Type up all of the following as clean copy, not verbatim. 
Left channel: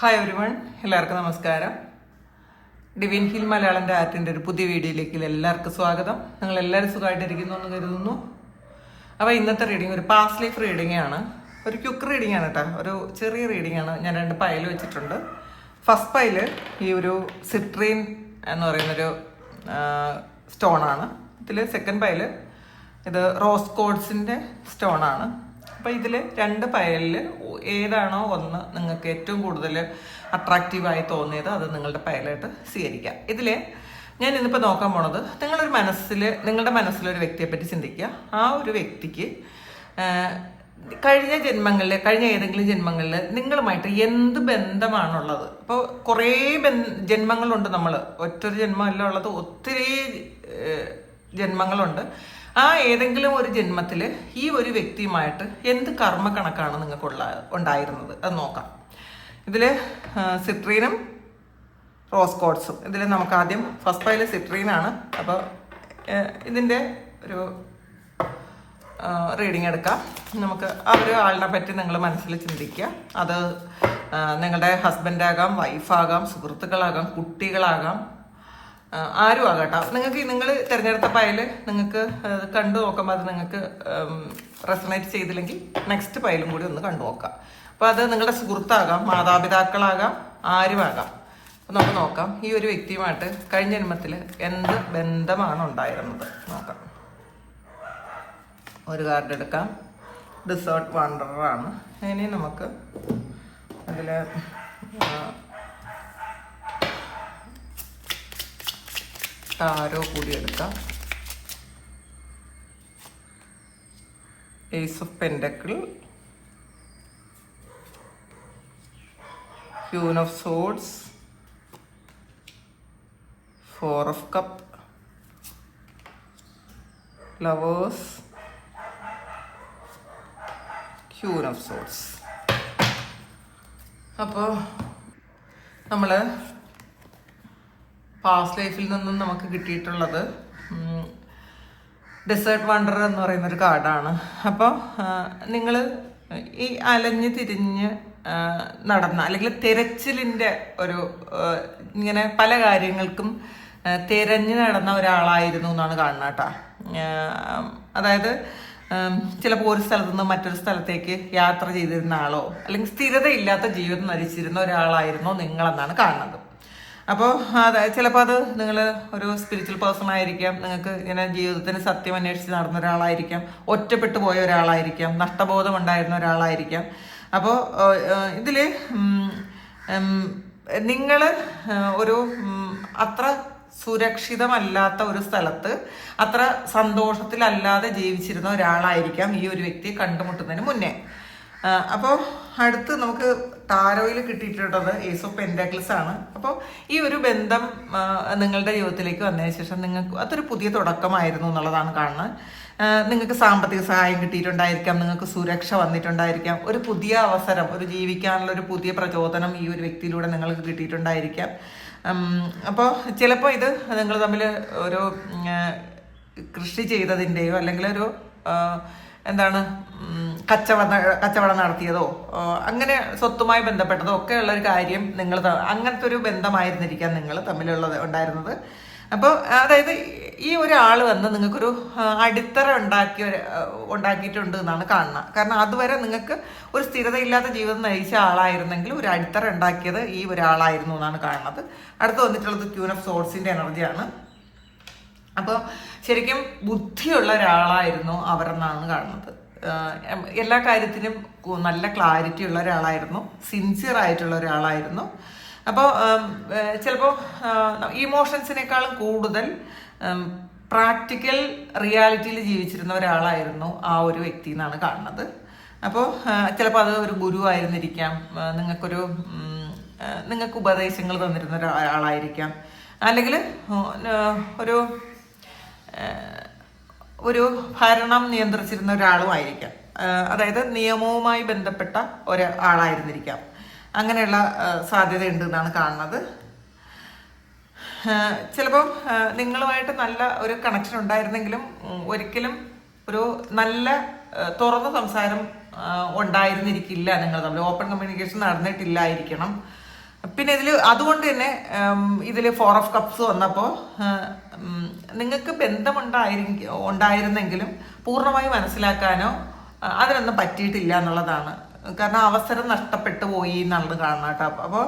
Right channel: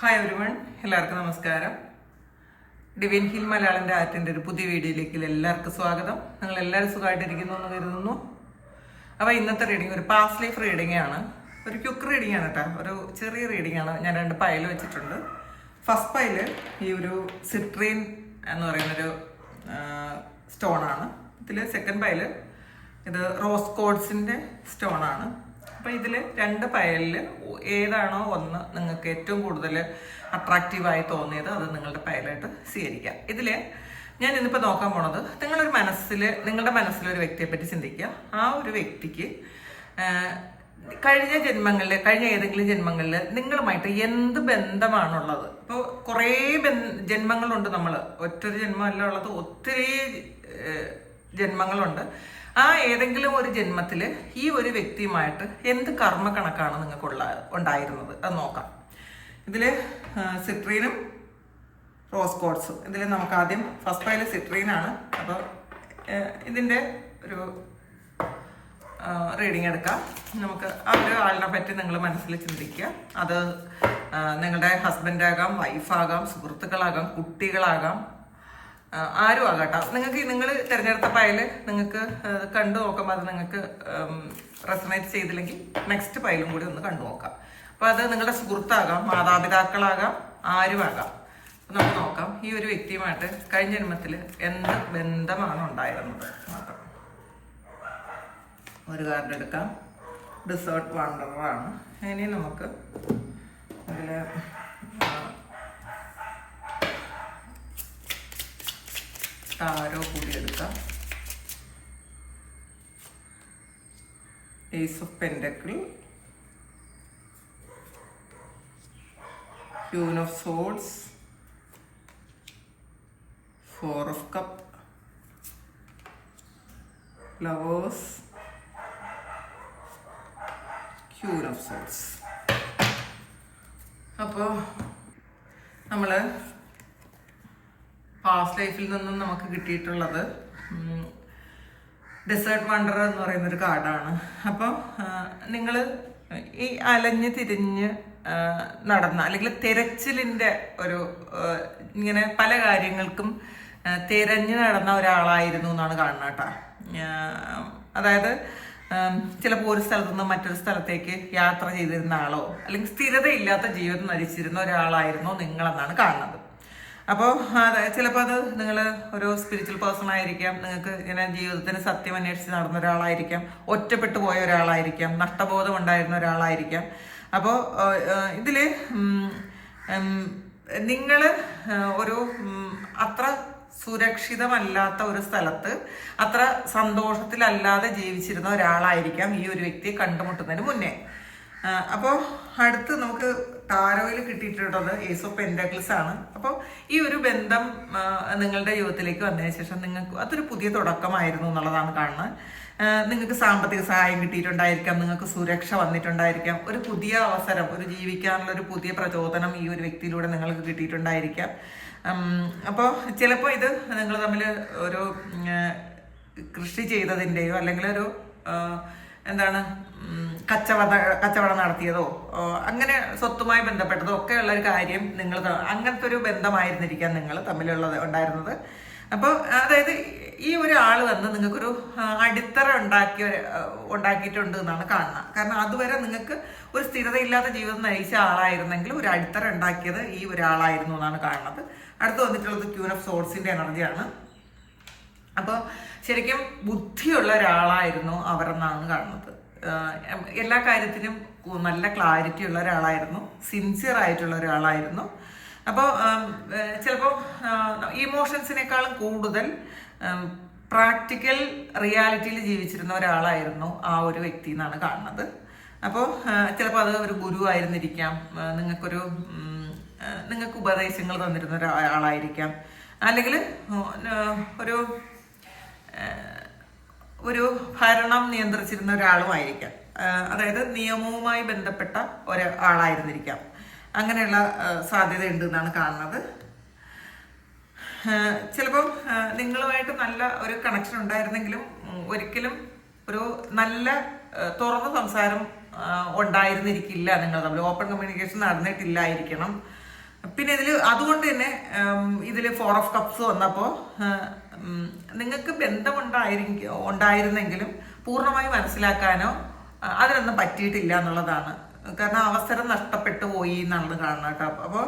Hi everyone, എല്ലാവർക്കും നമസ്കാരം. Divine hill Malayalam ആർട്ടിൻ്റെ ഒരു പുതിയ വീഡിയോയിലേക്ക് എല്ലാവർക്കും സ്വാഗതം. നിങ്ങൾ എല്ലാവരും സുഖമായിട്ടിരിക്കുന്നു എന്ന് കരുതുന്നു. അപ്പോൾ ഇന്നത്തെ റീഡിങ് ഒരു പാസ്റ്റ് ലൈഫ് റീഡിംഗ് ആണ്. ഒരു ക്യുക്ക് റീഡിംഗ് ആണ് കേട്ടോ. ഒരു ചെറിയ റീഡിംഗ് ആണ്. ഞാൻ 2 പൈൽ വെച്ചിട്ടുണ്ട്. ഫസ്റ്റ് പൈല് ഈ ഒരു സിട്രീൻ എന്ന് പറയുന്നൊരു സ്റ്റോണാണ്. ഇതിൽ സെക്കൻഡ് പൈല് ഇത് റോസ് കോഡ്സിൻ്റെ സ്റ്റോണാണ്. അപ്പോൾ ഇതിൽ 2 പയലിൽ ഏതാണോ ഒന്ന് നിങ്ങൾക്ക് ഏറ്റവും കൂടുതൽ അട്രാക്റ്റീവായി തോന്നിയത് അത് നിങ്ങളുടെ പയലായിട്ട് സ്വീകരിക്കാം. ഇതിൽ ഞാൻ ഇന്നിപ്പോൾ നോക്കാൻ പോണത് നിങ്ങളുടെ മനസ്സിലൊരു വ്യക്തിയെ പറ്റി ചിന്തിക്കുക. ആ ഒരു വ്യക്തിക്ക് കഴിഞ്ഞ ഏതെങ്കിലും ജന്മങ്ങളിൽ നിങ്ങളുമായിട്ട് എന്ത് ബന്ധമാണുള്ളത്. അപ്പോൾ കുറേ ജന്മങ്ങളുണ്ട്. നമ്മൾ ഒറ്റൊരു ജന്മമല്ല ഉള്ളത്, ഒത്തിരി ജന്മങ്ങളുണ്ട്. ആ ഏതെങ്കിലും ഒരു ജന്മത്തിൽ ഈ ഒരു വ്യക്തിയുമായിട്ട് എന്ത് കർമ്മ കണക്കാണ് നിങ്ങൾക്ക് ഉണ്ടായിരുന്നത് അത് നോക്കാം. ഇതിൽ സിട്രീനും റോസ് കോഡ്സും. ഇതിൽ നമുക്ക് ആദ്യം ഫസ്റ്റ് പൈല് സിട്രീനാണ്. അപ്പോൾ ഇതിൻ്റെ ഒരു റീഡിങ് എടുക്കാം. നമുക്ക് ആ ഒരു ആളിനെ പറ്റി നിങ്ങൾ മനസ്സിൽ ചിന്തിക്കുക. അത് നിങ്ങളുടെ ഹസ്ബൻഡാകാം, വൈഫാകാം, സുഹൃത്തുക്കളാകാം, കുട്ടികളാകാം, ആരും ആകട്ടോ. നിങ്ങൾ തിരഞ്ഞെടുത്ത പയൽ നിങ്ങൾക്ക് കണ്ടു നോക്കുമ്പോൾ അത് നിങ്ങൾക്ക് റെസണേറ്റ് ചെയ്തില്ലെങ്കിൽ നെക്സ്റ്റ് പയലും കൂടി ഒന്ന് കണ്ടു നോക്കാം. അപ്പോൾ അത് നിങ്ങളുടെ സുഹൃത്താകാം, മാതാപിതാക്കളാകാം, ആരുമാകാം. അപ്പം നമുക്ക് നോക്കാം ഈ ഒരു വ്യക്തിയുമായിട്ട് കഴിഞ്ഞ ജന്മത്തിൽ എന്ത് ബന്ധമാണ് ഉണ്ടായിരുന്നത് നോക്കാം. ഒരു കാർഡ് എടുക്കാം. ഡിസേർട്ട് വാണ്ടറാണ്. ഇനി നമുക്ക് അതിൽ ടാരോ കൂടി എടുക്കാം. Ace of pentacle, queen of swords, 4 of cup, lovers, queen of swords. അപ്പോൾ നമ്മൾ പാസ്റ്റ് ലൈഫിൽ നിന്നും നമുക്ക് കിട്ടിയിട്ടുള്ളത് ഡെസേർട്ട് വണ്ടർ എന്ന് പറയുന്നൊരു കാർഡാണ്. അപ്പോൾ നിങ്ങൾ ഈ അലഞ്ഞ് തിരിഞ്ഞ് നടന്ന അല്ലെങ്കിൽ തിരച്ചിലിൻ്റെ ഒരു ഇങ്ങനെ പല കാര്യങ്ങൾക്കും തിരഞ്ഞു നടന്ന ഒരാളായിരുന്നു എന്നാണ് കാണുന്നത് കേട്ടോ. അതായത് ചിലപ്പോൾ ഒരു സ്ഥലത്തു നിന്ന് മറ്റൊരു സ്ഥലത്തേക്ക് യാത്ര ചെയ്തിരുന്ന ആളോ അല്ലെങ്കിൽ സ്ഥിരതയില്ലാത്ത ജീവിതം നയിച്ചിരുന്ന ഒരാളായിരുന്നോ നിങ്ങളെന്നാണ് കാണുന്നത്. അപ്പോൾ ചിലപ്പോൾ അത് നിങ്ങൾ ഒരു സ്പിരിച്വൽ പേഴ്സൺ ആയിരിക്കാം, നിങ്ങൾക്ക് ഇങ്ങനെ ജീവിതത്തിന് സത്യം അന്വേഷിച്ച് നടന്ന ഒരാളായിരിക്കാം, ഒറ്റപ്പെട്ടു പോയ ഒരാളായിരിക്കാം, നഷ്ടബോധം ഉണ്ടായിരുന്ന ഒരാളായിരിക്കാം. അപ്പോൾ ഇതിൽ നിങ്ങൾ ഒരു അത്ര സുരക്ഷിതമല്ലാത്ത ഒരു സ്ഥലത്ത് അത്ര സന്തോഷത്തിലല്ലാതെ ജീവിച്ചിരുന്ന ഒരാളായിരിക്കാം ഈ ഒരു വ്യക്തിയെ കണ്ടുമുട്ടുന്നതിന് മുന്നേ. അപ്പോൾ അടുത്ത് നമുക്ക് ടാരോയിൽ കിട്ടിയിട്ടുള്ളത് ഏസ് ഓഫ് പെൻഡക്കിൾസ് ആണ്. അപ്പോൾ ഈ ഒരു ബന്ധം നിങ്ങളുടെ ജീവിതത്തിലേക്ക് വന്നതിന് ശേഷം നിങ്ങൾക്ക് അതൊരു പുതിയ തുടക്കമായിരുന്നു എന്നുള്ളതാണ് കാണുന്നത്. നിങ്ങൾക്ക് സാമ്പത്തിക സഹായം കിട്ടിയിട്ടുണ്ടായിരിക്കാം, നിങ്ങൾക്ക് സുരക്ഷ വന്നിട്ടുണ്ടായിരിക്കാം, ഒരു പുതിയ അവസരം, ഒരു ജീവിക്കാനുള്ള ഒരു പുതിയ പ്രചോദനം ഈ ഒരു വ്യക്തിയിലൂടെ നിങ്ങൾക്ക് കിട്ടിയിട്ടുണ്ടായിരിക്കാം. അപ്പോൾ ചിലപ്പോൾ ഇത് നിങ്ങൾ തമ്മിൽ ഒരു കൃഷി ചെയ്തതിൻ്റെയോ അല്ലെങ്കിൽ ഒരു കച്ചവടം നടത്തിയതോ അങ്ങനെ സ്വത്തുമായി ബന്ധപ്പെട്ടതോ ഒക്കെ ഉള്ളൊരു കാര്യം അങ്ങനത്തെ ഒരു ബന്ധമായിരുന്നിരിക്കാം നിങ്ങൾ ഉണ്ടായിരുന്നത്. അപ്പോൾ അതായത് ഈ ഒരാൾ വന്ന് നിങ്ങൾക്കൊരു അടിത്തറ ഉണ്ടാക്കിയിട്ടുണ്ട് എന്നാണ് കാണുന്നത്. കാരണം അതുവരെ നിങ്ങൾക്ക് ഒരു സ്ഥിരതയില്ലാത്ത ജീവിതം നയിച്ച ആളായിരുന്നെങ്കിൽ ഒരു അടിത്തറ ഉണ്ടാക്കിയത് ഈ ഒരാളായിരുന്നു എന്നാണ് കാണുന്നത്. അടുത്ത് വന്നിട്ടുള്ളത് ക്യൂൻ ഓഫ് സോഡ്സിൻ്റെ എനർജിയാണ്. അപ്പോൾ ശരിക്കും ബുദ്ധിയുള്ള ഒരാളായിരുന്നു അവരെന്നാണ് കാണുന്നത്. എല്ലാ കാര്യത്തിനും നല്ല ക്ലാരിറ്റി ഉള്ള ഒരാളായിരുന്നു, സിൻസിയർ ആയിട്ടുള്ള ഒരാളായിരുന്നു. അപ്പോൾ ചിലപ്പോൾ ഇമോഷൻസിനേക്കാളും കൂടുതൽ പ്രാക്ടിക്കൽ റിയാലിറ്റിയിൽ ജീവിച്ചിരുന്ന ഒരാളായിരുന്നു ആ ഒരു വ്യക്തി എന്നാണ് കാണുന്നത്. അപ്പോൾ ചിലപ്പോൾ അത് ഒരു ഗുരു ആയിരുന്നിരിക്കാം, നിങ്ങൾക്ക് ഉപദേശങ്ങൾ തന്നിരുന്ന ഒരാളായിരിക്കാം, അല്ലെങ്കിൽ ഒരു ഭരണം നിയന്ത്രിച്ചിരുന്ന ഒരാളുമായിരിക്കാം. അതായത് നിയമവുമായി ബന്ധപ്പെട്ട ഒരാളായിരുന്നിരിക്കാം. അങ്ങനെയുള്ള സാധ്യത ഉണ്ട് എന്നാണ് കാണുന്നത്. ചിലപ്പം നിങ്ങളുമായിട്ട് നല്ല ഒരു കണക്ഷൻ ഉണ്ടായിരുന്നെങ്കിലും ഒരിക്കലും ഒരു നല്ല തുറന്ന സംസാരം ഉണ്ടായിരുന്നിരിക്കില്ല. നിങ്ങൾ തമ്മിൽ ഓപ്പൺ കമ്മ്യൂണിക്കേഷൻ നടന്നിട്ടില്ലായിരിക്കണം. പിന്നെ അതുകൊണ്ട് തന്നെ ഇതിൽ 4 ഓഫ് കപ്സ് വന്നപ്പോൾ നിങ്ങൾക്ക് ഉണ്ടായിരുന്നെങ്കിലും പൂർണ്ണമായി മനസ്സിലാക്കാനോ അതിനൊന്നും പറ്റിയിട്ടില്ല എന്നുള്ളതാണ്. കാരണം അവസരം നഷ്ടപ്പെട്ടു പോയി എന്നുള്ളത് കാണണം കേട്ടോ. അപ്പോൾ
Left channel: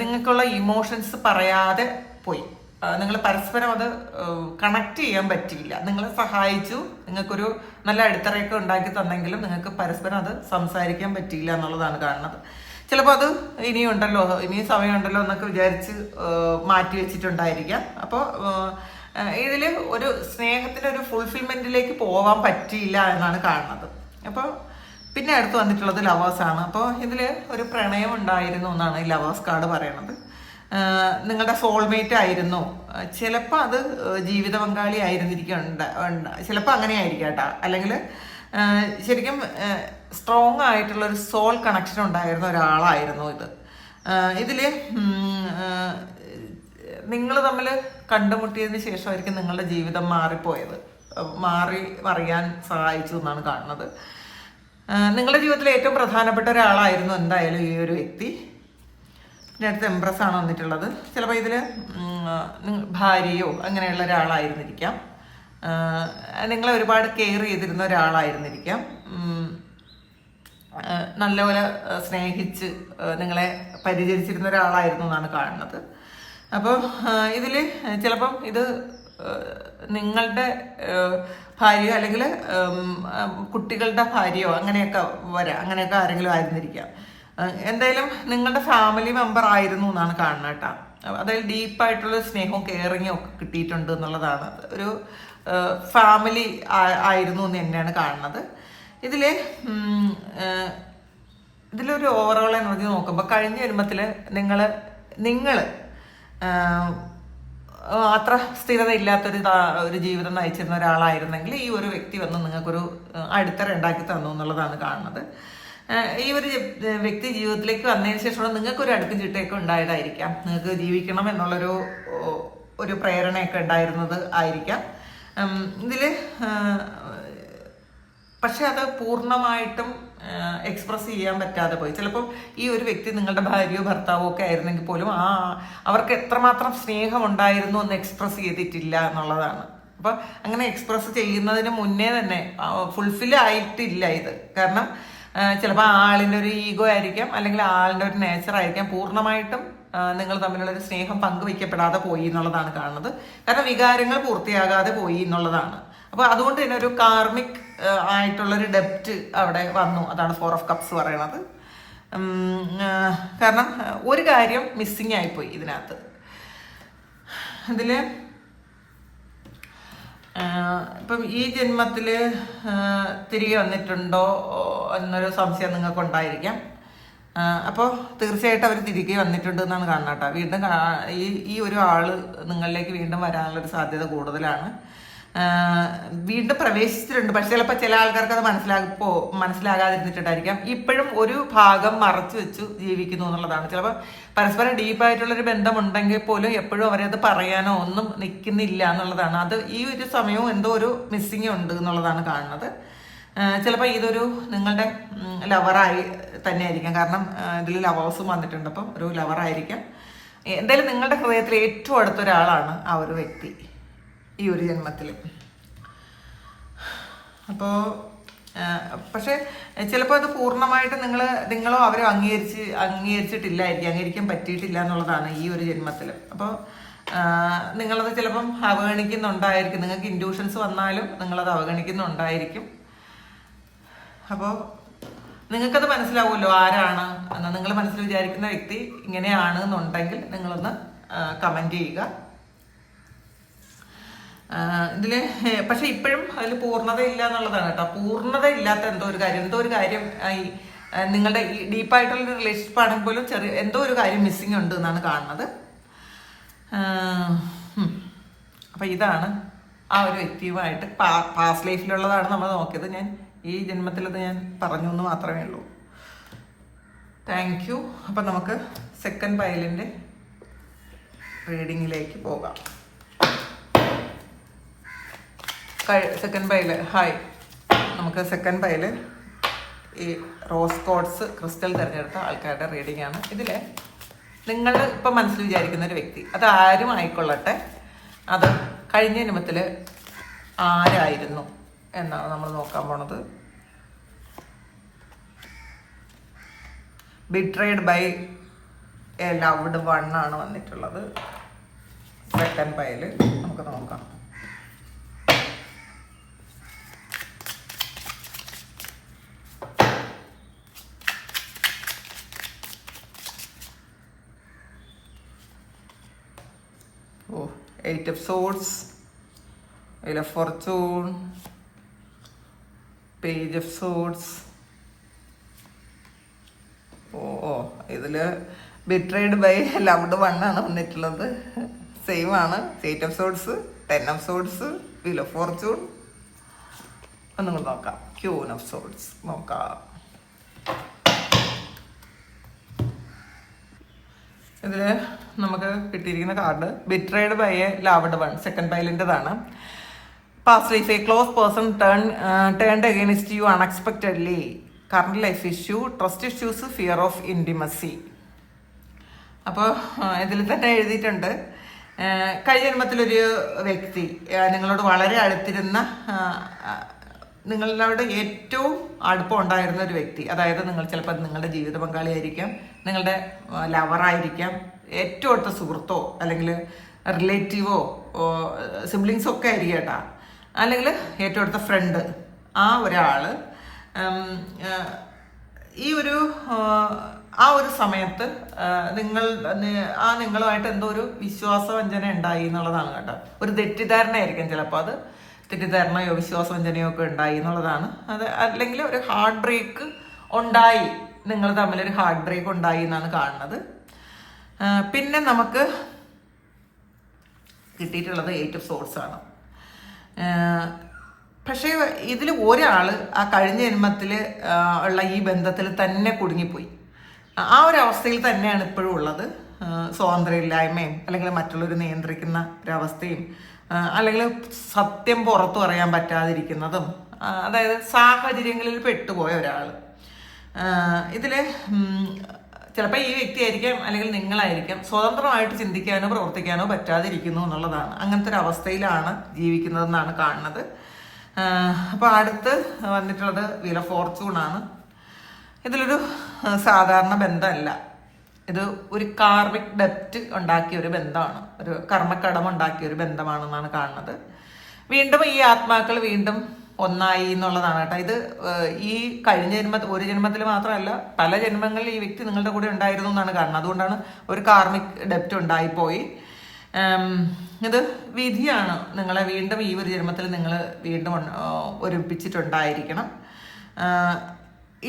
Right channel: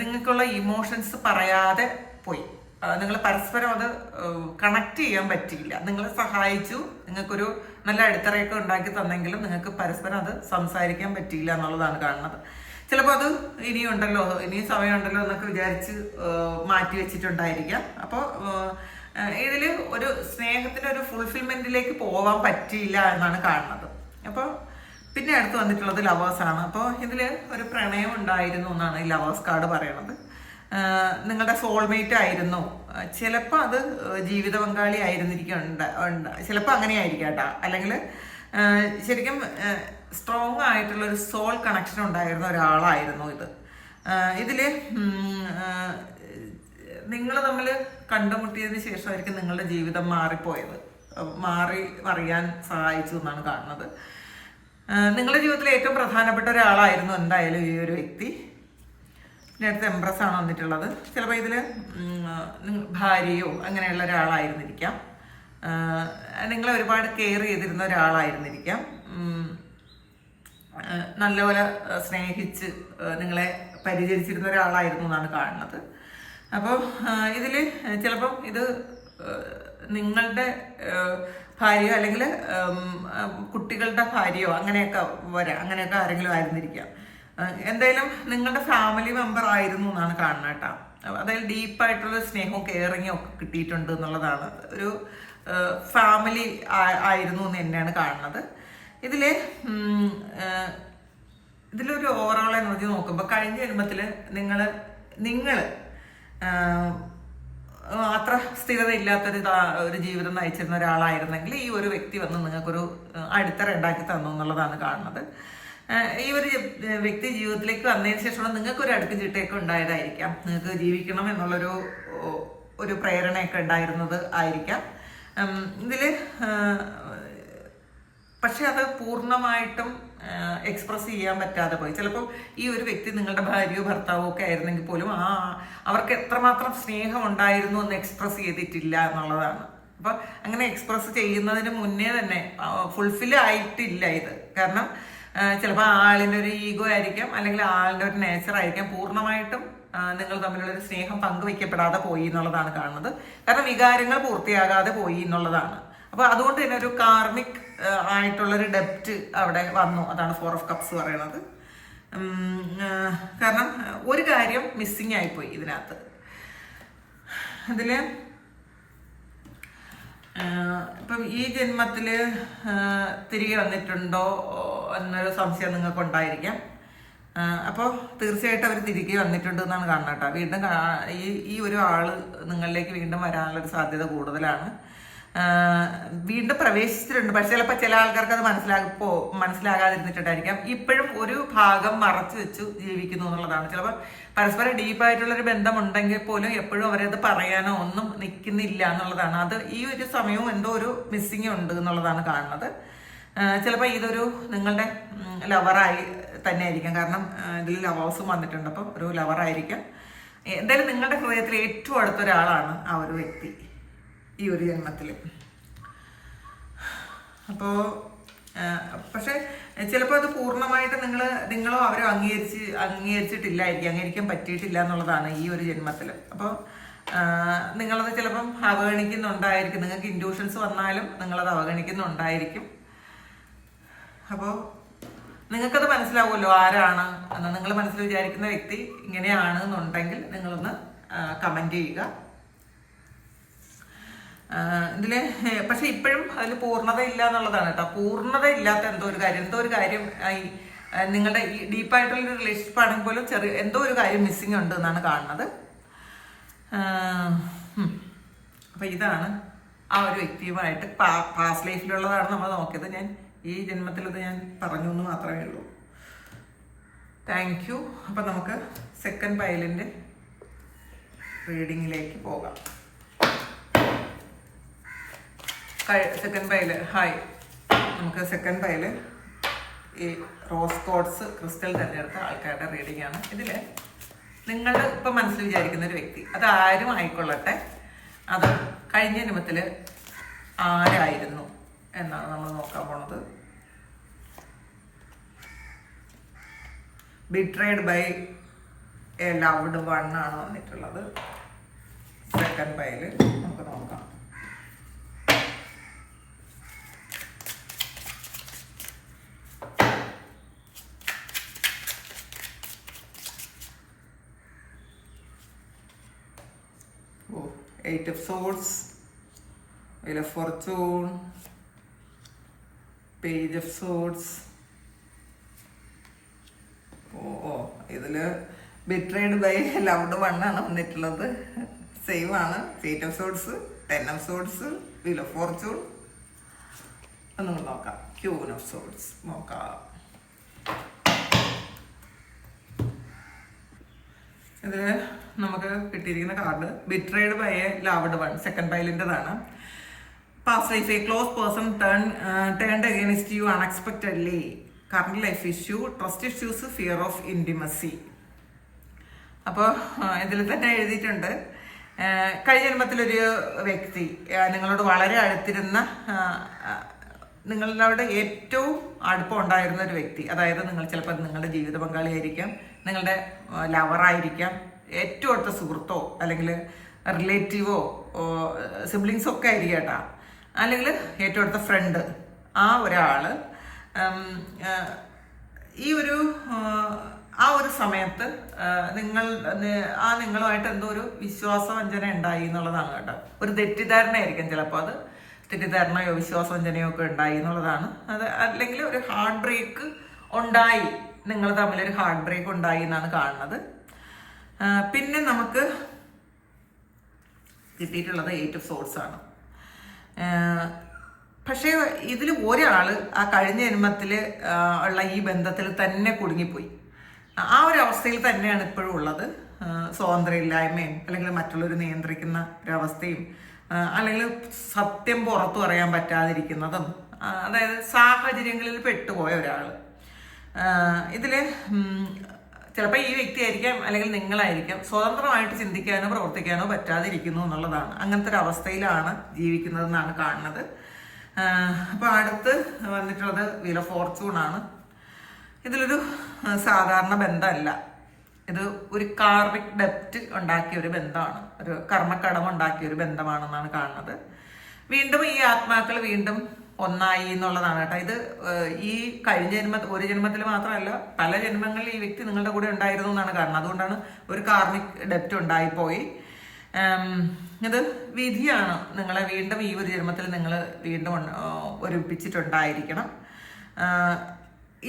നിങ്ങൾക്കുള്ള ഇമോഷൻസ് പറയാതെ പോയി, നിങ്ങൾ പരസ്പരം അത് കണക്ട് ചെയ്യാൻ പറ്റിയില്ല. നിങ്ങളെ സഹായിച്ചു, നിങ്ങൾക്കൊരു നല്ല അടിത്തറയൊക്കെ ഉണ്ടാക്കി തന്നെങ്കിലും നിങ്ങൾക്ക് പരസ്പരം അത് സംസാരിക്കാൻ പറ്റിയില്ല എന്നുള്ളതാണ് കാണുന്നത്. ചിലപ്പോൾ അത് ഇനിയും സമയമുണ്ടല്ലോ എന്നൊക്കെ വിചാരിച്ച് മാറ്റി വെച്ചിട്ടുണ്ടായിരിക്കാം. അപ്പോൾ ഇതിൽ ഒരു സ്നേഹത്തിൻ്റെ ഒരു ഫുൾഫിൽമെൻറ്റിലേക്ക് പോകാൻ പറ്റിയില്ല എന്നാണ് കാണുന്നത്. അപ്പോൾ പിന്നെ അടുത്ത് വന്നിട്ടുള്ളത് ലവേഴ്സാണ്. അപ്പോൾ ഇതിൽ ഒരു പ്രണയം ഉണ്ടായിരുന്നു എന്നാണ് ഈ ലവേഴ്സ് കാർഡ് പറയണത്. നിങ്ങളുടെ സോൾമേറ്റ് ആയിരുന്നു, ചിലപ്പോൾ അത് ജീവിത പങ്കാളി ചിലപ്പോൾ അങ്ങനെ ആയിരിക്കാം കേട്ടോ. അല്ലെങ്കിൽ ശരിക്കും സ്ട്രോങ് ആയിട്ടുള്ള ഒരു സോൾ കണക്ഷൻ ഉണ്ടായിരുന്ന ഒരാളായിരുന്നു ഇത്. ഇതിൽ നിങ്ങൾ തമ്മിൽ കണ്ടുമുട്ടിയതിന് ശേഷമായിരിക്കും നിങ്ങളുടെ ജീവിതം മറിയാൻ സഹായിച്ചു എന്നാണ് കാണുന്നത്. നിങ്ങളുടെ ജീവിതത്തിലെ ഏറ്റവും പ്രധാനപ്പെട്ട ഒരാളായിരുന്നു എന്തായാലും ഈ ഒരു വ്യക്തി. പിന്നെ അടുത്ത് എംപ്രസ് ആണ് വന്നിട്ടുള്ളത്. ചിലപ്പോൾ ഇതിൽ ഭാര്യയോ അങ്ങനെയുള്ള ഒരാളായിരുന്നിരിക്കാം, നിങ്ങളെ ഒരുപാട് കെയർ ചെയ്തിരുന്ന ഒരാളായിരുന്നിരിക്കാം, നല്ലപോലെ സ്നേഹിച്ച് നിങ്ങളെ പരിചരിച്ചിരുന്ന ഒരാളായിരുന്നു എന്നാണ് കാണുന്നത്. അപ്പോൾ ഇതിൽ ചിലപ്പം ഇത് നിങ്ങളുടെ ഭാര്യയോ അല്ലെങ്കിൽ കുട്ടികളുടെ ഭാര്യയോ അങ്ങനെയൊക്കെ ആരെങ്കിലും ആയിരുന്നിരിക്കാം. എന്തായാലും നിങ്ങളുടെ ഫാമിലി മെമ്പർ ആയിരുന്നു എന്നാണ് കാണുന്നത് കേട്ടോ. അതായത് ഡീപ്പായിട്ടുള്ള സ്നേഹവും കെയറിങ്ങും ഒക്കെ കിട്ടിയിട്ടുണ്ട് എന്നുള്ളതാണ്. ഒരു ഫാമിലി ആയിരുന്നു എന്ന് തന്നെയാണ് കാണുന്നത്. ഇതിലൊരു ഓവറോൾ എനർജി നോക്കുമ്പോൾ കഴിഞ്ഞ ജന്മത്തിൽ നിങ്ങൾ അത്ര സ്ഥിരത ഇല്ലാത്തൊരു ജീവിതം നയിച്ചിരുന്ന ഒരാളായിരുന്നെങ്കിൽ ഈ ഒരു വ്യക്തി വന്ന് നിങ്ങൾക്കൊരു അടിത്തറ ഉണ്ടാക്കി തന്നു എന്നുള്ളതാണ് കാണുന്നത്. ഈ ഒരു വ്യക്തി ജീവിതത്തിലേക്ക് വന്നതിന് ശേഷമുള്ള നിങ്ങൾക്കൊരു അടുക്കും ചിട്ടയൊക്കെ ഉണ്ടായതായിരിക്കാം. നിങ്ങൾക്ക് ജീവിക്കണം എന്നുള്ളൊരു പ്രേരണയൊക്കെ ഉണ്ടായിരുന്നത് ആയിരിക്കാം ഇതിൽ. പക്ഷെ അത് പൂർണ്ണമായിട്ടും എക്സ്പ്രസ് ചെയ്യാൻ പറ്റാതെ പോയി. ചിലപ്പോൾ ഈ ഒരു വ്യക്തി നിങ്ങളുടെ ഭാര്യയോ ഭർത്താവോ ഒക്കെ ആയിരുന്നെങ്കിൽ പോലും അവർക്ക് എത്രമാത്രം സ്നേഹം ഉണ്ടായിരുന്നു എന്ന് എക്സ്പ്രസ് ചെയ്തിട്ടില്ല എന്നുള്ളതാണ്. അപ്പോൾ അങ്ങനെ എക്സ്പ്രസ് ചെയ്യുന്നതിന് മുന്നേ തന്നെ ഫുൾഫിൽ ആയിട്ടില്ല ഇത്. കാരണം ചിലപ്പോൾ ആളിൻ്റെ ഒരു ഈഗോ ആയിരിക്കാം, അല്ലെങ്കിൽ ആളിൻ്റെ ഒരു നേച്ചർ ആയിരിക്കാം പൂർണ്ണമായിട്ടും നിങ്ങൾ തമ്മിലുള്ളൊരു സ്നേഹം പങ്കുവയ്ക്കപ്പെടാതെ പോയി എന്നുള്ളതാണ് കാണുന്നത്. കാരണം വികാരങ്ങൾ പൂർത്തിയാകാതെ പോയി എന്നുള്ളതാണ്. അപ്പോൾ അതുകൊണ്ട് തന്നെ ഒരു കാർമിക് ആയിട്ടുള്ളൊരു ഡെപ്റ്റ് അവിടെ വന്നു. അതാണ് 4 ഓഫ് കപ്സ് പറയണത്. കാരണം ഒരു കാര്യം മിസ്സിങ് ആയിപ്പോയി ഇതിനകത്ത്. ഇതിൽ ഇപ്പം ഈ ജന്മത്തിൽ തിരികെ വന്നിട്ടുണ്ടോ എന്നൊരു സംശയം നിങ്ങൾക്കുണ്ടായിരിക്കാം. അപ്പോൾ തീർച്ചയായിട്ടും അവർ തിരികെ വന്നിട്ടുണ്ട് എന്നാണ് കാണുന്നത് കേട്ടോ. വീണ്ടും ഈ ഒരു ആള് നിങ്ങളിലേക്ക് വീണ്ടും വരാനുള്ളൊരു സാധ്യത കൂടുതലാണ്. വീണ്ടും പ്രവേശിച്ചിട്ടുണ്ട്. പക്ഷെ ചിലപ്പോൾ ചില ആൾക്കാർക്ക് അത് മനസ്സിലാകാതിരുന്നിട്ടുണ്ടായിരിക്കാം. ഇപ്പോഴും ഒരു ഭാഗം മറച്ചു വെച്ചു ജീവിക്കുന്നു എന്നുള്ളതാണ്. ചിലപ്പോൾ പരസ്പരം ഡീപ്പായിട്ടുള്ളൊരു ബന്ധമുണ്ടെങ്കിൽ പോലും എപ്പോഴും അവരത് പറയാനോ ഒന്നും നിൽക്കുന്നില്ല എന്നുള്ളതാണ്. അത് ഈ ഒരു സമയവും എന്തോ ഒരു മിസ്സിങ് ഉണ്ട് എന്നുള്ളതാണ് കാണുന്നത്. ചിലപ്പോൾ ഇതൊരു നിങ്ങളുടെ ലവറായി തന്നെ ആയിരിക്കാം. കാരണം ഇതിൽ ലവേഴ്സും വന്നിട്ടുണ്ട്. അപ്പം ഒരു ലവറായിരിക്കാം. എന്തായാലും നിങ്ങളുടെ ഹൃദയത്തിൽ ഏറ്റവും അടുത്തൊരാളാണ് ആ ഒരു വ്യക്തി ഈ ഒരു ജന്മത്തിൽ. അപ്പോൾ പക്ഷെ ചിലപ്പോൾ അത് പൂർണ്ണമായിട്ട് നിങ്ങളോ അവരോ അംഗീകരിച്ചിട്ടില്ലായിരിക്കും, അംഗീകരിക്കാൻ പറ്റിയിട്ടില്ല എന്നുള്ളതാണ് ഈ ഒരു ജന്മത്തിൽ. അപ്പോൾ നിങ്ങളത് ചിലപ്പം അവഗണിക്കുന്നുണ്ടായിരിക്കും. നിങ്ങൾക്ക് ഇൻഡ്യൂഷൻസ് വന്നാലും നിങ്ങളത് അവഗണിക്കുന്നുണ്ടായിരിക്കും. അപ്പോൾ നിങ്ങൾക്കത് മനസ്സിലാവുമല്ലോ ആരാണ് എന്ന്. നിങ്ങൾ മനസ്സിൽ വിചാരിക്കുന്ന വ്യക്തി ഇങ്ങനെയാണ് എന്നുണ്ടെങ്കിൽ നിങ്ങളൊന്ന് കമൻറ്റ് ചെയ്യുക. ഇതിൽ പക്ഷെ ഇപ്പോഴും അതിൽ പൂർണ്ണത ഇല്ല എന്നുള്ളതാണ് കേട്ടോ. പൂർണ്ണത ഇല്ലാത്ത എന്തോ ഒരു കാര്യം ഈ നിങ്ങളുടെ ഈ ഡീപ്പായിട്ടുള്ള റിലേഷൻഷിപ്പ് ആണെങ്കിൽ പോലും എന്തോ ഒരു കാര്യം മിസ്സിങ് ഉണ്ട് എന്നാണ് കാണുന്നത്. അപ്പം ഇതാണ് ആ ഒരു വ്യക്തിയുമായിട്ട് പാസ്റ്റ് ലൈഫിലുള്ളതാണ് നമ്മൾ നോക്കിയത്. ഞാൻ ഈ ജന്മത്തിലത് ഞാൻ പറഞ്ഞു എന്ന് മാത്രമേ ഉള്ളൂ. Thank you. അപ്പം നമുക്ക് സെക്കൻഡ് പൈലിൻ്റെ റീഡിങ്ങിലേക്ക് പോകാം. Second pile hi. നമുക്ക് സെക്കൻഡ് പൈല് ഈ റോസ് കോഡ്സ് ക്രിസ്റ്റൽ തിരഞ്ഞെടുത്ത ആൾക്കാരുടെ റീഡിംഗ് ആണ്. ഇതിൽ നിങ്ങൾ ഇപ്പം മനസ്സിൽ വിചാരിക്കുന്ന ഒരു വ്യക്തി, അത് ആരും ആയിക്കൊള്ളട്ടെ, അത് കഴിഞ്ഞ ജന്മത്തിൽ ആരായിരുന്നു എന്നാണ് നമ്മൾ നോക്കാൻ പോണത്. Betrayed by a loved one ആണ് വന്നിട്ടുള്ളത്. സെക്കൻഡ് പൈല് നമുക്ക് നോക്കാം. Eight of Swords, Wheel of Fortune, Page of Swords. ഇതില് ബിട്രേഡ് ബൈ ലവ്ഡ് വൺ ആണ് വന്നിട്ടുള്ളത്. സെയിം ആണ്. Eight of swords, 10 of swords, wheel of fortune. ഒന്നും നോക്കാം. ക്യൂൻ ഓഫ് സോഡ്സ് നോക്കാം. ഇതില് നമുക്ക് കിട്ടിയിരിക്കുന്ന card betrayed by a loved one, second പൈലിൻ്റെതാണ്. Past life, a close person turned against you unexpectedly. Current life issue, trust issues, fear of intimacy. അപ്പോൾ ഇതിൽ തന്നെ എഴുതിയിട്ടുണ്ട്, കഴിഞ്ഞ ജന്മത്തിലൊരു വ്യക്തി നിങ്ങളോട് വളരെ അടുത്തിരുന്ന, നിങ്ങളുടെ ഏറ്റവും അടുപ്പം ഉണ്ടായിരുന്ന ഒരു വ്യക്തി, അതായത് നിങ്ങൾ ചിലപ്പോൾ നിങ്ങളുടെ ജീവിത പങ്കാളിയായിരിക്കാം, നിങ്ങളുടെ ലവറായിരിക്കാം, ഏറ്റവും അടുത്ത സുഹൃത്തോ അല്ലെങ്കിൽ റിലേറ്റീവോ സിബ്ലിങ്സോ ഒക്കെ ആയിരിക്കും കേട്ടോ, അല്ലെങ്കിൽ ഏറ്റവും അടുത്ത ഫ്രണ്ട്. ആ ഒരാൾ ആ ഒരു സമയത്ത് നിങ്ങളുമായിട്ട് എന്തോ ഒരു വിശ്വാസവഞ്ചന ഉണ്ടായി എന്നുള്ളതാണ് കേട്ടോ. ഒരു തെറ്റിദ്ധാരണയായിരിക്കും ചിലപ്പോൾ, അത് തെറ്റിദ്ധാരണയോ വിശ്വാസവഞ്ചനയോ ഒക്കെ ഉണ്ടായി എന്നുള്ളതാണ്. അത് അല്ലെങ്കിൽ ഒരു ഹാർട്ട് ബ്രേക്ക് ഉണ്ടായി, നിങ്ങൾ തമ്മിലൊരു ഹാർട്ട് ബ്രേക്ക് ഉണ്ടായി എന്നാണ് കാണുന്നത്. പിന്നെ നമുക്ക് കിട്ടിയിട്ടുള്ളത് 8 ഓഫ് സോഡ്സ് ആണ്. പക്ഷേ ഇതിൽ ഒരാൾ ആ കഴിഞ്ഞ ജന്മത്തിൽ ഉള്ള ഈ ബന്ധത്തിൽ തന്നെ കുടുങ്ങിപ്പോയി. ആ ഒരു അവസ്ഥയിൽ തന്നെയാണ് ഇപ്പോഴും ഉള്ളത്. സ്വാതന്ത്ര്യമില്ലായ്മയും അല്ലെങ്കിൽ മറ്റുള്ളവർ നിയന്ത്രിക്കുന്ന ഒരവസ്ഥയും, അല്ലെങ്കിൽ സത്യം പുറത്തു പറയാൻ പറ്റാതിരിക്കുന്നതും, അതായത് സാഹചര്യങ്ങളിൽ പെട്ടുപോയ ഒരാൾ. ഇതിൽ ചിലപ്പോൾ ഈ വ്യക്തി ആയിരിക്കാം അല്ലെങ്കിൽ നിങ്ങളായിരിക്കാം സ്വതന്ത്രമായിട്ട് ചിന്തിക്കാനോ പ്രവർത്തിക്കാനോ പറ്റാതിരിക്കുന്നു എന്നുള്ളതാണ്. അങ്ങനത്തെ ഒരു അവസ്ഥയിലാണ് ജീവിക്കുന്നതെന്നാണ് കാണുന്നത്. അപ്പോൾ അടുത്ത് വന്നിട്ടുള്ളത് വീൽ ഓഫ് ഫോർച്യൂൺ ആണ്. ഇതിലൊരു സാധാരണ ബന്ധമല്ല, ഇത് ഒരു കാർമിക് ഡെപ്റ്റ് ഉണ്ടാക്കിയ ഒരു ബന്ധമാണ്, ഒരു കർമ്മക്കടം ഉണ്ടാക്കിയ ഒരു ബന്ധമാണെന്നാണ് കാണുന്നത്. വീണ്ടും ഈ ആത്മാക്കൾ വീണ്ടും ഒന്നായി എന്നുള്ളതാണ് കേട്ടോ. ഇത് ഈ കഴിഞ്ഞ ഒരു ജന്മത്തിൽ മാത്രമല്ല, പല ജന്മങ്ങളിൽ ഈ വ്യക്തി നിങ്ങളുടെ കൂടെ ഉണ്ടായിരുന്നു എന്നാണ് കാണുന്നത്. അതുകൊണ്ടാണ് ഒരു കാർമിക് ഡെപ്റ്റ് ഉണ്ടായിപ്പോയി. ഇത് വിധിയാണ്. നിങ്ങളെ വീണ്ടും ഈ ഒരു ജന്മത്തിൽ നിങ്ങൾ വീണ്ടും ഒരുമിപ്പിച്ചിട്ടുണ്ടായിരിക്കണം.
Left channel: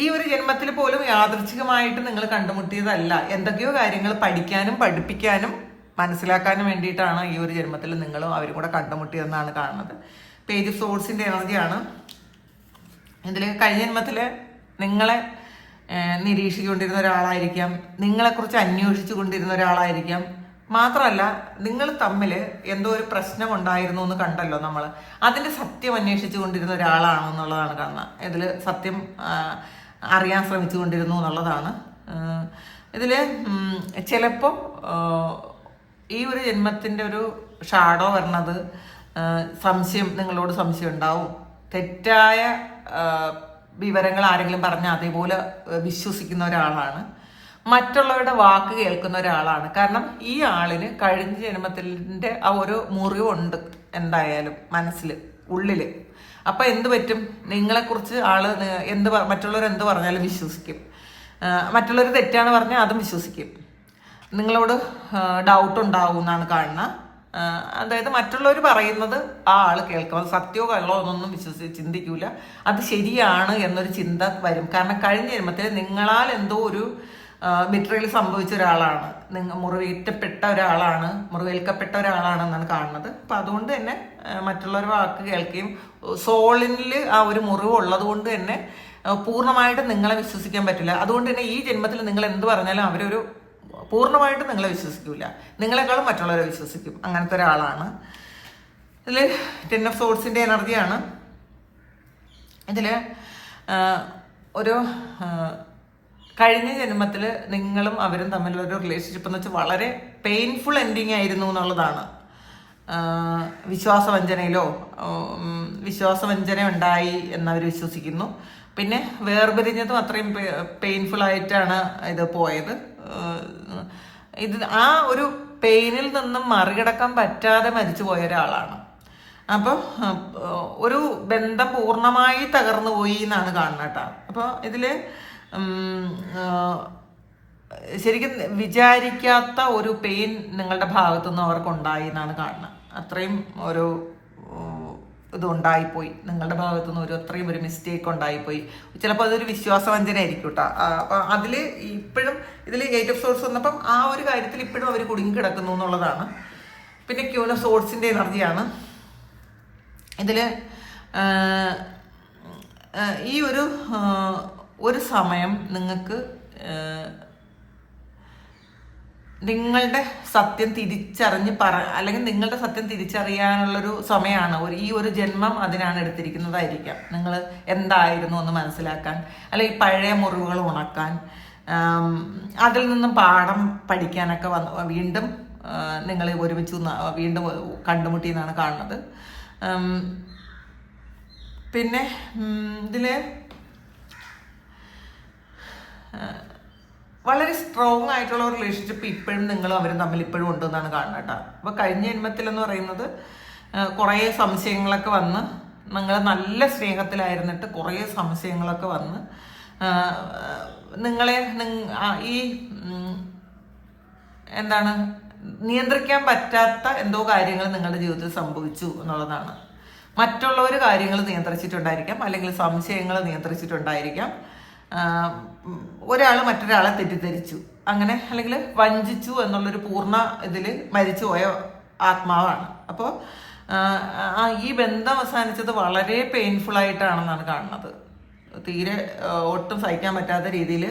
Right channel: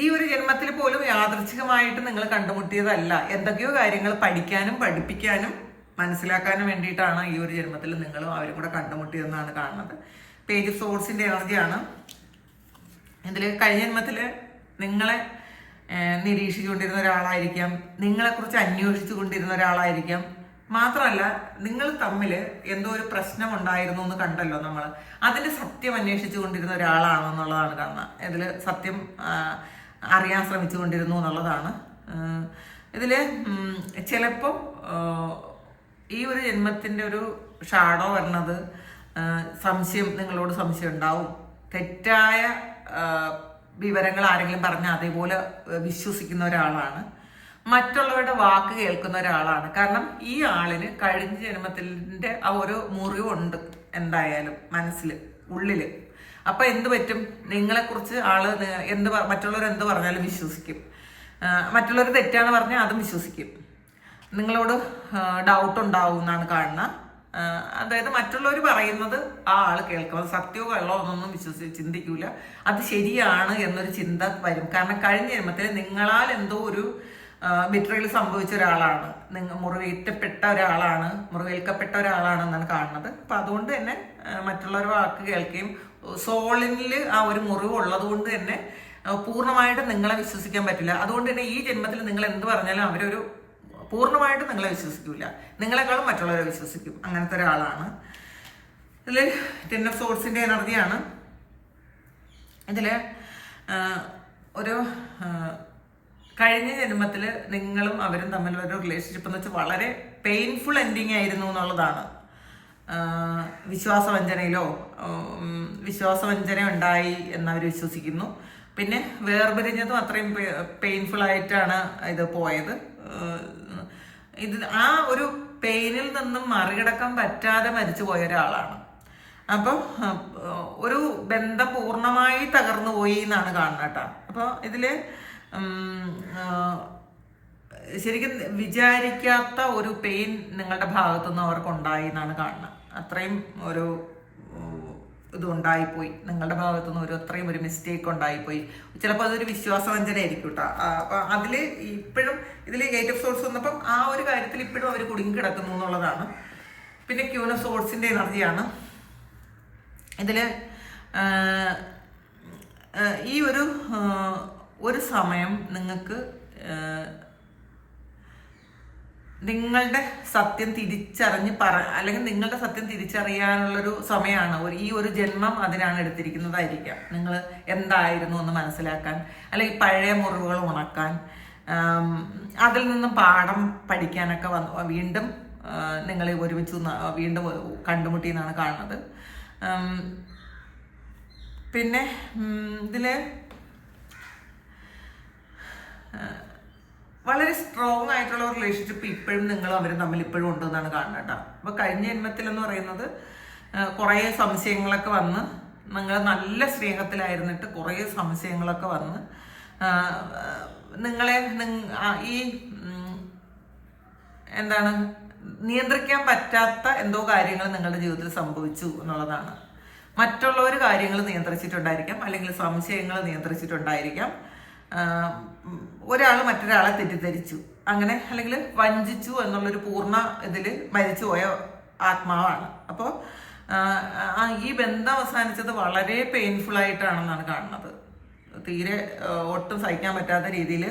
ഈ ഒരു ജന്മത്തിൽ പോലും യാദൃച്ഛികമായിട്ട് നിങ്ങൾ കണ്ടുമുട്ടിയതല്ല. എന്തൊക്കെയോ കാര്യങ്ങൾ പഠിക്കാനും പഠിപ്പിക്കാനും മനസ്സിലാക്കാനും വേണ്ടിയിട്ടാണ് ഈ ഒരു ജന്മത്തിൽ നിങ്ങളും അവരും കൂടെ കണ്ടുമുട്ടിയതെന്നാണ് കാണുന്നത്. പേജ് ഓഫ് സോഴ്സിന്റെ എനർജിയാണ്. ഇതിൽ കഴിഞ്ഞ ജന്മത്തിൽ നിങ്ങളെ നിരീക്ഷിച്ചുകൊണ്ടിരുന്ന ഒരാളായിരിക്കാം, നിങ്ങളെക്കുറിച്ച് അന്വേഷിച്ചു കൊണ്ടിരുന്ന ഒരാളായിരിക്കാം. മാത്രമല്ല, നിങ്ങൾ തമ്മിൽ എന്തോ ഒരു പ്രശ്നം ഉണ്ടായിരുന്നു എന്ന് കണ്ടല്ലോ നമ്മൾ, അതിന്റെ സത്യം അന്വേഷിച്ചു കൊണ്ടിരുന്ന ഒരാളാണെന്നുള്ളതാണ് കാണുന്നത്. ഇതിൽ സത്യം അറിയാൻ ശ്രമിച്ചു കൊണ്ടിരുന്നു എന്നുള്ളതാണ്. ഇതിൽ ചിലപ്പോൾ ഈ ഒരു ജന്മത്തിൻ്റെ ഒരു ഷാഡോ വരണത് സംശയം, നിങ്ങളോട് സംശയം ഉണ്ടാവും. തെറ്റായ വിവരങ്ങൾ ആരെങ്കിലും പറഞ്ഞാൽ അതേപോലെ വിശ്വസിക്കുന്ന ഒരാളാണ്. മറ്റുള്ളവരുടെ വാക്ക് കേൾക്കുന്ന ഒരാളാണ്. കാരണം ഈ ആളിന് കഴിഞ്ഞ ജന്മത്തിൻ്റെ ആ ഒരു മുറിവുണ്ട് എന്തായാലും മനസ്സിൽ, ഉള്ളില്. അപ്പൊ എന്ത് പറ്റും, നിങ്ങളെക്കുറിച്ച് ആള് മറ്റുള്ളവർ എന്ത് പറഞ്ഞാലും വിശ്വസിക്കും. മറ്റുള്ളവർ തെറ്റാണ് പറഞ്ഞാൽ അതും വിശ്വസിക്കും. നിങ്ങളോട് ഡൗട്ട് ഉണ്ടാവും എന്നാണ് കാണുന്നത്. അതായത് മറ്റുള്ളവർ പറയുന്നത് ആ ആള് കേൾക്കുന്നത് സത്യമോ കള്ളോ എന്നൊന്നും ചിന്തിക്കൂല. അത് ശരിയാണ് എന്നൊരു ചിന്ത വരും. കാരണം കഴിഞ്ഞ ജന്മത്തിൽ നിങ്ങളാൽ എന്തോ ഒരു ബിട്രയിൽ സംഭവിച്ച ഒരാളാണ്, മുറിവേൽക്കപ്പെട്ട ഒരാളാണെന്നാണ് കാണുന്നത്. അപ്പൊ അതുകൊണ്ട് തന്നെ മറ്റുള്ളവരുടെ വാക്ക് കേൾക്കുകയും സോളിൽ ആ ഒരു മുറിവ് ഉള്ളത് കൊണ്ട് തന്നെ പൂർണ്ണമായിട്ട് നിങ്ങളെ വിശ്വസിക്കാൻ പറ്റില്ല. അതുകൊണ്ട് തന്നെ ഈ ജന്മത്തിൽ നിങ്ങൾ എന്ത് പറഞ്ഞാലും അവരൊരു പൂർണ്ണമായിട്ട് നിങ്ങളെ വിശ്വസിക്കൂല, നിങ്ങളെക്കാളും മറ്റുള്ളവരെ വിശ്വസിക്കും. അങ്ങനത്തെ ഒരാളാണ്. ഇതിൽ 10 ഓഫ് സോഴ്സിന്റെ എനർജിയാണ്. ഇതില് ഒരു കഴിഞ്ഞ ജന്മത്തിൽ നിങ്ങളും അവരും തമ്മിലുള്ള ഒരു റിലേഷൻഷിപ്പ് എന്ന് വെച്ചാൽ വളരെ പെയിൻഫുൾ എൻഡിങ് ആയിരുന്നു എന്നുള്ളതാണ്. വിശ്വാസവഞ്ചനയിലോ വിശ്വാസവഞ്ചന ഉണ്ടായി എന്നവർ വിശ്വസിക്കുന്നു. പിന്നെ വേർപിരിഞ്ഞതും അത്രയും പെയിൻഫുൾ ആയിട്ടാണ് ഇത് പോയത്. ഇത് ആ ഒരു പെയിനിൽ നിന്നും മറികടക്കാൻ പറ്റാതെ മരിച്ചു പോയ ഒരാളാണ്. അപ്പം ഒരു ബന്ധം പൂർണ്ണമായി തകർന്നു പോയി എന്നാണ് കാണുന്നത് കേട്ടോ. അപ്പോൾ ഇതില് ശരിക്കും വിചാരിക്കാത്ത ഒരു പെയിൻ നിങ്ങളുടെ ഭാഗത്തുനിന്ന് അവർക്കുണ്ടായി എന്നാണ് കാണുന്നത്. അത്രയും ഒരു ഇത് ഉണ്ടായിപ്പോയി നിങ്ങളുടെ ഭാഗത്തുനിന്ന്, അത്രയും ഒരു മിസ്റ്റേക്ക് ഉണ്ടായിപ്പോയി. ചിലപ്പോൾ അതൊരു വിശ്വാസവഞ്ചന ആയിരിക്കും കേട്ടോ. അപ്പം അതിൽ ഇപ്പോഴും ഇതിൽ 8 ഓഫ് സോഴ്സ് വന്നപ്പം ആ ഒരു കാര്യത്തിൽ ഇപ്പോഴും അവർ കുടുങ്ങി കിടക്കുന്നു എന്നുള്ളതാണ്. പിന്നെ ക്യൂൻ ഓഫ് സോഴ്സിന്റെ എനർജിയാണ് ഇതിൽ. ഈ ഒരു സമയം നിങ്ങൾക്ക് നിങ്ങളുടെ സത്യം തിരിച്ചറിഞ്ഞ് അല്ലെങ്കിൽ നിങ്ങളുടെ സത്യം തിരിച്ചറിയാനുള്ളൊരു സമയമാണ്. ഈ ഒരു ജന്മം അതിനാണ് എടുത്തിരിക്കുന്നതായിരിക്കാം. നിങ്ങൾ എന്തായിരുന്നു എന്ന് മനസ്സിലാക്കാൻ, അല്ലെങ്കിൽ പഴയ മുറിവുകൾ ഉണക്കാൻ, അതിൽ നിന്നും പാഠം പഠിക്കാനൊക്കെ വീണ്ടും നിങ്ങൾ ഒരുമിച്ച് വീണ്ടും കണ്ടുമുട്ടി എന്നാണ് കാണുന്നത്. പിന്നെ ഇതില് വളരെ സ്ട്രോങ് ആയിട്ടുള്ള ഒരു റിലേഷൻഷിപ്പ് ഇപ്പോഴും നിങ്ങളും അവരും തമ്മിൽ ഇപ്പോഴും ഉണ്ടെന്നാണ് കാണുന്നത് കേട്ടോ. അപ്പോൾ കഴിഞ്ഞ ജന്മത്തിൽ എന്ന് പറയുന്നത് കുറേ സംശയങ്ങളൊക്കെ വന്ന്, നിങ്ങൾ നല്ല സ്നേഹത്തിലായിരുന്നിട്ട് കുറേ സംശയങ്ങളൊക്കെ വന്ന് നിങ്ങളെ ഈ എന്താണ് നിയന്ത്രിക്കാൻ പറ്റാത്ത എന്തോ കാര്യങ്ങൾ നിങ്ങളുടെ ജീവിതത്തിൽ സംഭവിച്ചു എന്നുള്ളതാണ്. മറ്റുള്ളവർ കാര്യങ്ങൾ നിയന്ത്രിച്ചിട്ടുണ്ടായിരിക്കാം, അല്ലെങ്കിൽ സംശയങ്ങൾ നിയന്ത്രിച്ചിട്ടുണ്ടായിരിക്കാം. ഒരാൾ മറ്റൊരാളെ തെറ്റിദ്ധരിച്ചു, അങ്ങനെ അല്ലെങ്കിൽ വഞ്ചിച്ചു എന്നുള്ളൊരു പൂർണ്ണ ഇതിൽ മരിച്ചുപോയ ആത്മാവാണ്. അപ്പോൾ ഈ ബന്ധം അവസാനിച്ചത് വളരെ പെയിൻഫുൾ ആയിട്ടാണെന്നാണ് കാണുന്നത്. തീരെ ഒട്ടും സഹിക്കാൻ പറ്റാത്ത രീതിയിൽ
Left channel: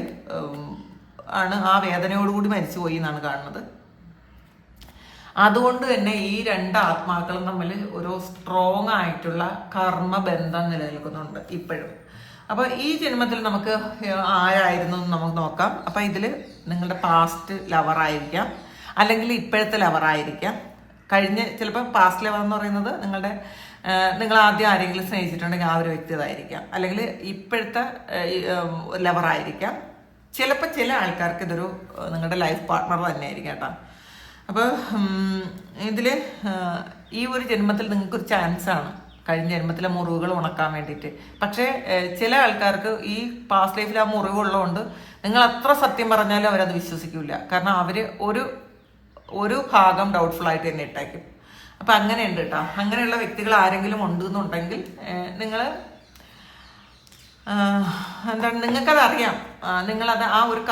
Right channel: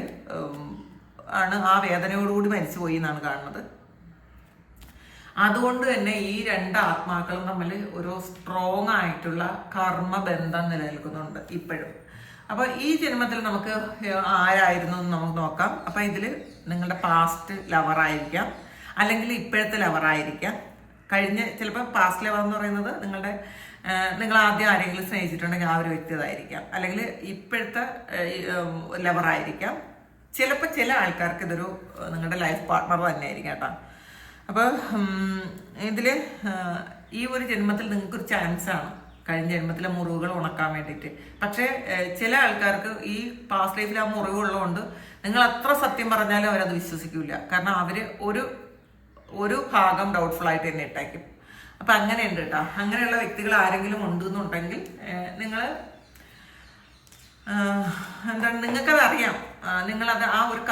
ആണ് ആ വേദനയോടുകൂടി മരിച്ചുപോയി എന്നാണ് കാണുന്നത്. അതുകൊണ്ട് തന്നെ ഈ 2 ആത്മാക്കളും തമ്മിൽ ഒരു സ്ട്രോങ് ആയിട്ടുള്ള കർമ്മബന്ധം നിലനിൽക്കുന്നുണ്ട് ഇപ്പോഴും. അപ്പൊ ഈ ജന്മത്തിൽ നമുക്ക് ആരായിരുന്നു എന്ന് നമുക്ക് നോക്കാം. അപ്പൊ ഇതില് നിങ്ങളുടെ പാസ്റ്റ് ലവർ ആയിരിക്കാം, അല്ലെങ്കിൽ ഇപ്പോഴത്തെ ലവർ ആയിരിക്കാം. ചിലപ്പോൾ പാസ്റ്റ് ലവർ എന്ന് പറയുന്നത് നിങ്ങൾ ആദ്യം ആരെങ്കിലും സ്നേഹിച്ചിട്ടുണ്ടെങ്കിൽ ആ ഒരു വ്യക്തി അതായിരിക്കാം, അല്ലെങ്കിൽ ഇപ്പോഴത്തെ ലവർ ആയിരിക്കാം. ചിലപ്പോൾ ചില ആൾക്കാർക്ക് ഇതൊരു നിങ്ങളുടെ ലൈഫ് പാർട്ട്ണർ തന്നെ ആയിരിക്കാം കേട്ടോ. അപ്പോൾ ഇതില് ഈ ഒരു ജന്മത്തിൽ നിങ്ങൾക്കൊരു ചാൻസാണ് കഴിഞ്ഞ ജന്മത്തിലെ മുറിവുകൾ ഉണക്കാൻ വേണ്ടിയിട്ട്. പക്ഷേ ചില ആൾക്കാർക്ക് ഈ പാസ്റ്റ് ലൈഫിൽ ആ മുറിവുള്ളതുകൊണ്ട് നിങ്ങൾ അത്ര സത്യം പറഞ്ഞാലും അവരത് വിശ്വസിക്കില്ല. കാരണം അവർ ഒരു ഭാഗം ഡൗട്ട്ഫുൾ ആയിട്ട് തന്നെ ഇട്ടേക്കും. അപ്പം അങ്ങനെയുണ്ട് കേട്ടോ. അങ്ങനെയുള്ള വ്യക്തികൾ ആരെങ്കിലും ഉണ്ടെന്നുണ്ടെങ്കിൽ നിങ്ങൾ എന്താണ്, നിങ്ങൾക്കത് അറിയാം. നിങ്ങളത് ആ ഒരു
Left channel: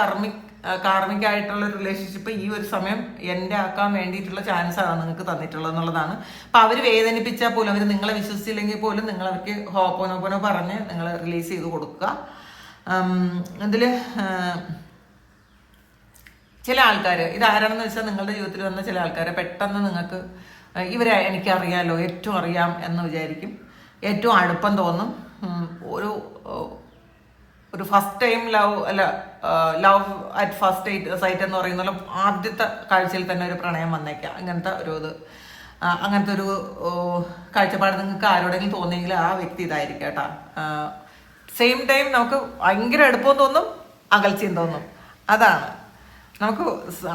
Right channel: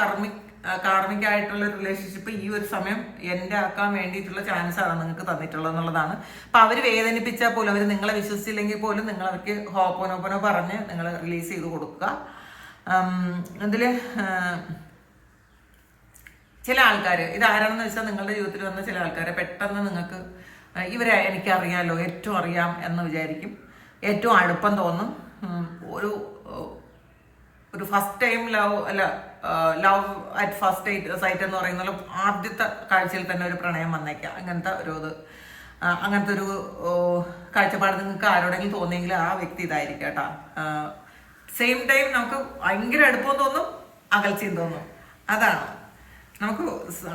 കാർമികമായിട്ടുള്ള റിലേഷൻഷിപ്പ് ഈ ഒരു സമയം എൻ്റെ ആക്കാൻ വേണ്ടിയിട്ടുള്ള ചാൻസാണ് നിങ്ങൾക്ക് തന്നിട്ടുള്ളത് എന്നുള്ളതാണ്. അപ്പം അവർ വേദനിപ്പിച്ചാൽ പോലും, അവർ നിങ്ങളെ വിശ്വസിച്ചില്ലെങ്കിൽ പോലും നിങ്ങൾ അവർക്ക് ഹോപ്പോനോപ്പോനോ പറഞ്ഞ് നിങ്ങൾ റിലീസ് ചെയ്ത് കൊടുക്കുക. ഇതിൽ ചില ആൾക്കാർ, ഇതാരാണെന്ന് വെച്ചാൽ നിങ്ങളുടെ ജീവിതത്തിൽ വന്ന ചില ആൾക്കാരെ പെട്ടെന്ന് നിങ്ങൾക്ക് ഇവരെ എനിക്കറിയാലോ, ഏറ്റവും അറിയാം എന്ന് വിചാരിക്കും. ഏറ്റവും അടുപ്പം തോന്നും. ഒരു first time love at first sight എന്ന് പറയുന്ന ആദ്യത്തെ കാഴ്ചയിൽ തന്നെ ഒരു പ്രണയം വന്നേക്കാം. അങ്ങനത്തെ ഒരു കാഴ്ചപ്പാട് നിങ്ങൾക്ക് ആരോടെങ്കിലും തോന്നിയെങ്കിൽ ആ വ്യക്തി ഇതായിരിക്കും കേട്ടോ. സെയിം ടൈം നമുക്ക് ഭയങ്കര അടുപ്പം തോന്നും, അകൽച്ചയും തോന്നും. അതാണ് നമുക്ക്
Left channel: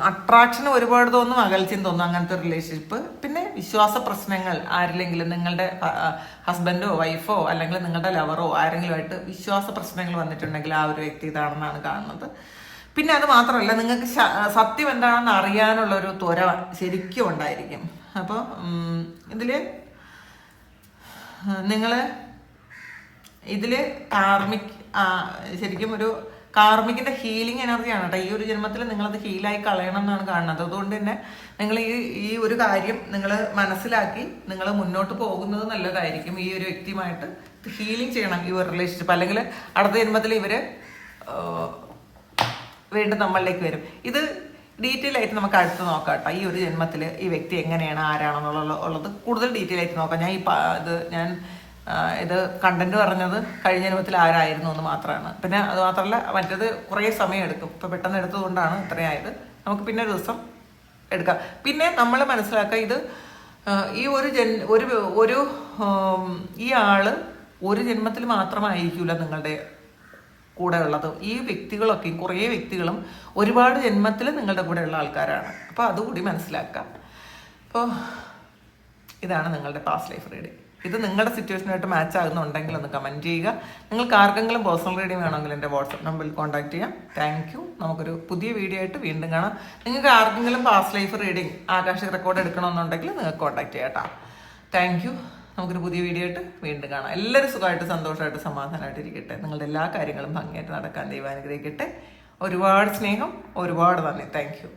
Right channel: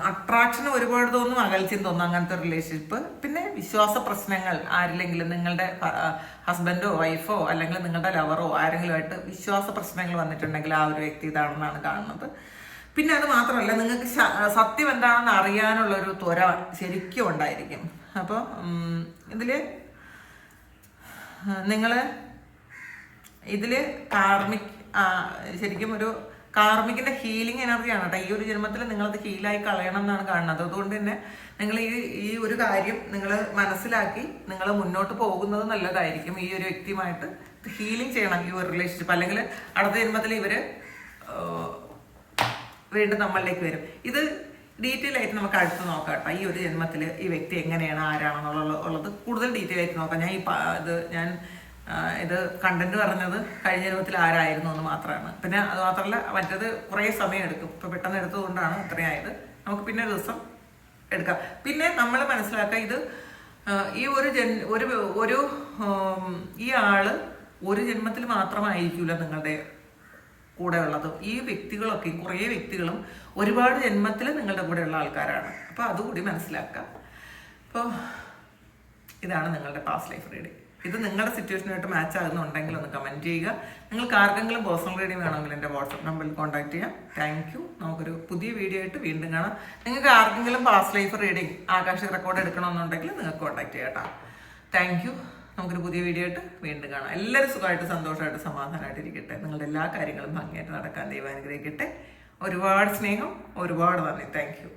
അട്രാക്ഷൻ ഒരുപാട് തോന്നും, അകൽച്ചയും തോന്നും, അങ്ങനത്തെ ഒരു റിലേഷൻഷിപ്പ്. പിന്നെ വിശ്വാസ പ്രശ്നങ്ങൾ, ആരില്ലെങ്കിലും നിങ്ങളുടെ ഹസ്ബൻഡോ വൈഫോ അല്ലെങ്കിൽ നിങ്ങളുടെ ലവറോ ആരെങ്കിലുമായിട്ട് വിശ്വാസ പ്രശ്നങ്ങൾ വന്നിട്ടുണ്ടെങ്കിൽ ആ ഒരു വ്യക്തി ഇതാണെന്നാണ് കാണുന്നത്. പിന്നെ അത് മാത്രമല്ല, നിങ്ങൾക്ക് സത്യം എന്താണെന്ന് അറിയാനുള്ളൊരു ത്വര ശരിക്കും ഉണ്ടായിരിക്കും. അപ്പോൾ ഇതിൽ ശരിക്കും ഒരു കാർമിക്കിന്റെ ഹീലിംഗ് എനർജിയാണ് കേട്ടോ. ഈ ഒരു ജന്മത്തിൽ നിങ്ങളത് ഹീലായി കളയണം എന്നാണ് കാണുന്നത്. അതുകൊണ്ട് തന്നെ നിങ്ങൾ ഈ ഒരു കാര്യം നിങ്ങൾ മനസ്സിലാക്കി നിങ്ങൾ മുന്നോട്ട് പോകുന്നത് നല്ലതായിരിക്കും. ഈ ഒരു വ്യക്തിയുമായിട്ട് ഹീലിംഗ് ചെയ്യണം ഈ ഒരു റിലേഷൻഷിപ്പ്. അല്ലെങ്കിൽ അടുത്ത ജന്മത്തിൽ ഇവര് വീണ്ടും നമ്മളിലേക്ക് വരും. ഇത് ഡീറ്റെയിൽ ആയിട്ട് നമുക്ക് അടുത്ത് നോക്കാം കേട്ടോ. ഈ ഒരു ജന്മത്തിൽ ഈ വ്യക്തി എങ്ങനെയാണ്, ആരാണെന്നുള്ളത് കൂടുതൽ ഡീറ്റെയിൽ ആയിട്ട് നോക്കാം. ഞാൻ ഇത് കണ്ടന്റ് പറഞ്ഞത് കഴിഞ്ഞ ജന്മത്തിൽ ആരായിരുന്നു എന്ന് മാത്രമാണ്. പിന്നെ അത് മാത്രമല്ല, മറ്റേത് കുറേ സമയം എടുക്കും. ഇപ്പം പെട്ടെന്ന് എടുത്തതുകൊണ്ടാണ് ഇത്രയായത്. നമുക്ക് പിന്നെ ഒരു ദിവസം എടുക്കാം. പിന്നെ നമ്മൾ മനസ്സിലാക്കുക, ഇത് ഈ ഈ ആള് ഒരു ജന്മത്തിൽ മാത്രമായിരിക്കില്ല നിങ്ങളുടെ കൂടെ ഉള്ളത്. ഈ വ്യക്തികളൊക്കെ, കുറേ വ്യക്തികളും ഒരുപാട് ജന്മത്തിൽ നിങ്ങളുടെ കൂടെ ഉള്ള ആൾക്കാരാണ്. അപ്പോൾ അതുകൂടി മനസ്സിലാക്കാം. അപ്പോൾ ഇതാണ് നിങ്ങളുടെ പാസ്റ്റ് ലൈഫ് റീഡിങ്. ഇത് നിങ്ങളുടെ സിറ്റുവേഷനായിട്ട് മാച്ച് ആകുന്നുണ്ടെങ്കിൽ ഒന്ന് കമൻറ്റ് ചെയ്യുക. നിങ്ങൾക്ക് ആർക്കെങ്കിലും പേഴ്സണൽ റീഡിങ് വേണമെങ്കിൽ എൻ്റെ വാട്സപ്പ് നമ്പറിൽ കോൺടാക്ട് ചെയ്യാം. Thank you. നമുക്കൊരു പുതിയ വീഡിയോ ആയിട്ട് വീണ്ടും കാണാം. നിങ്ങൾക്ക് ആർക്കെങ്കിലും past life reading Akashic record എടുക്കണമെന്നുണ്ടെങ്കിൽ നിങ്ങൾക്ക് കോൺടാക്ട് ചെയ്യാം കേട്ടോ. Thank you. നമുക്കൊരു പുതിയ വീഡിയോ ആയിട്ട് വീണ്ടും കാണാം. എല്ലാവരും സുഖമായിട്ട് സന്തോഷമായിട്ട് സമാധാനമായിട്ട് ഇരിക്കട്ടെ. നിങ്ങളുടെ എല്ലാ കാര്യങ്ങളും ഭംഗിയായിട്ട് നടക്കാൻ ദൈവം അനുഗ്രഹിക്കട്ടെ. ഒരുപാട് സ്നേഹം, ഒരുപാട് നന്ദി. Thank you.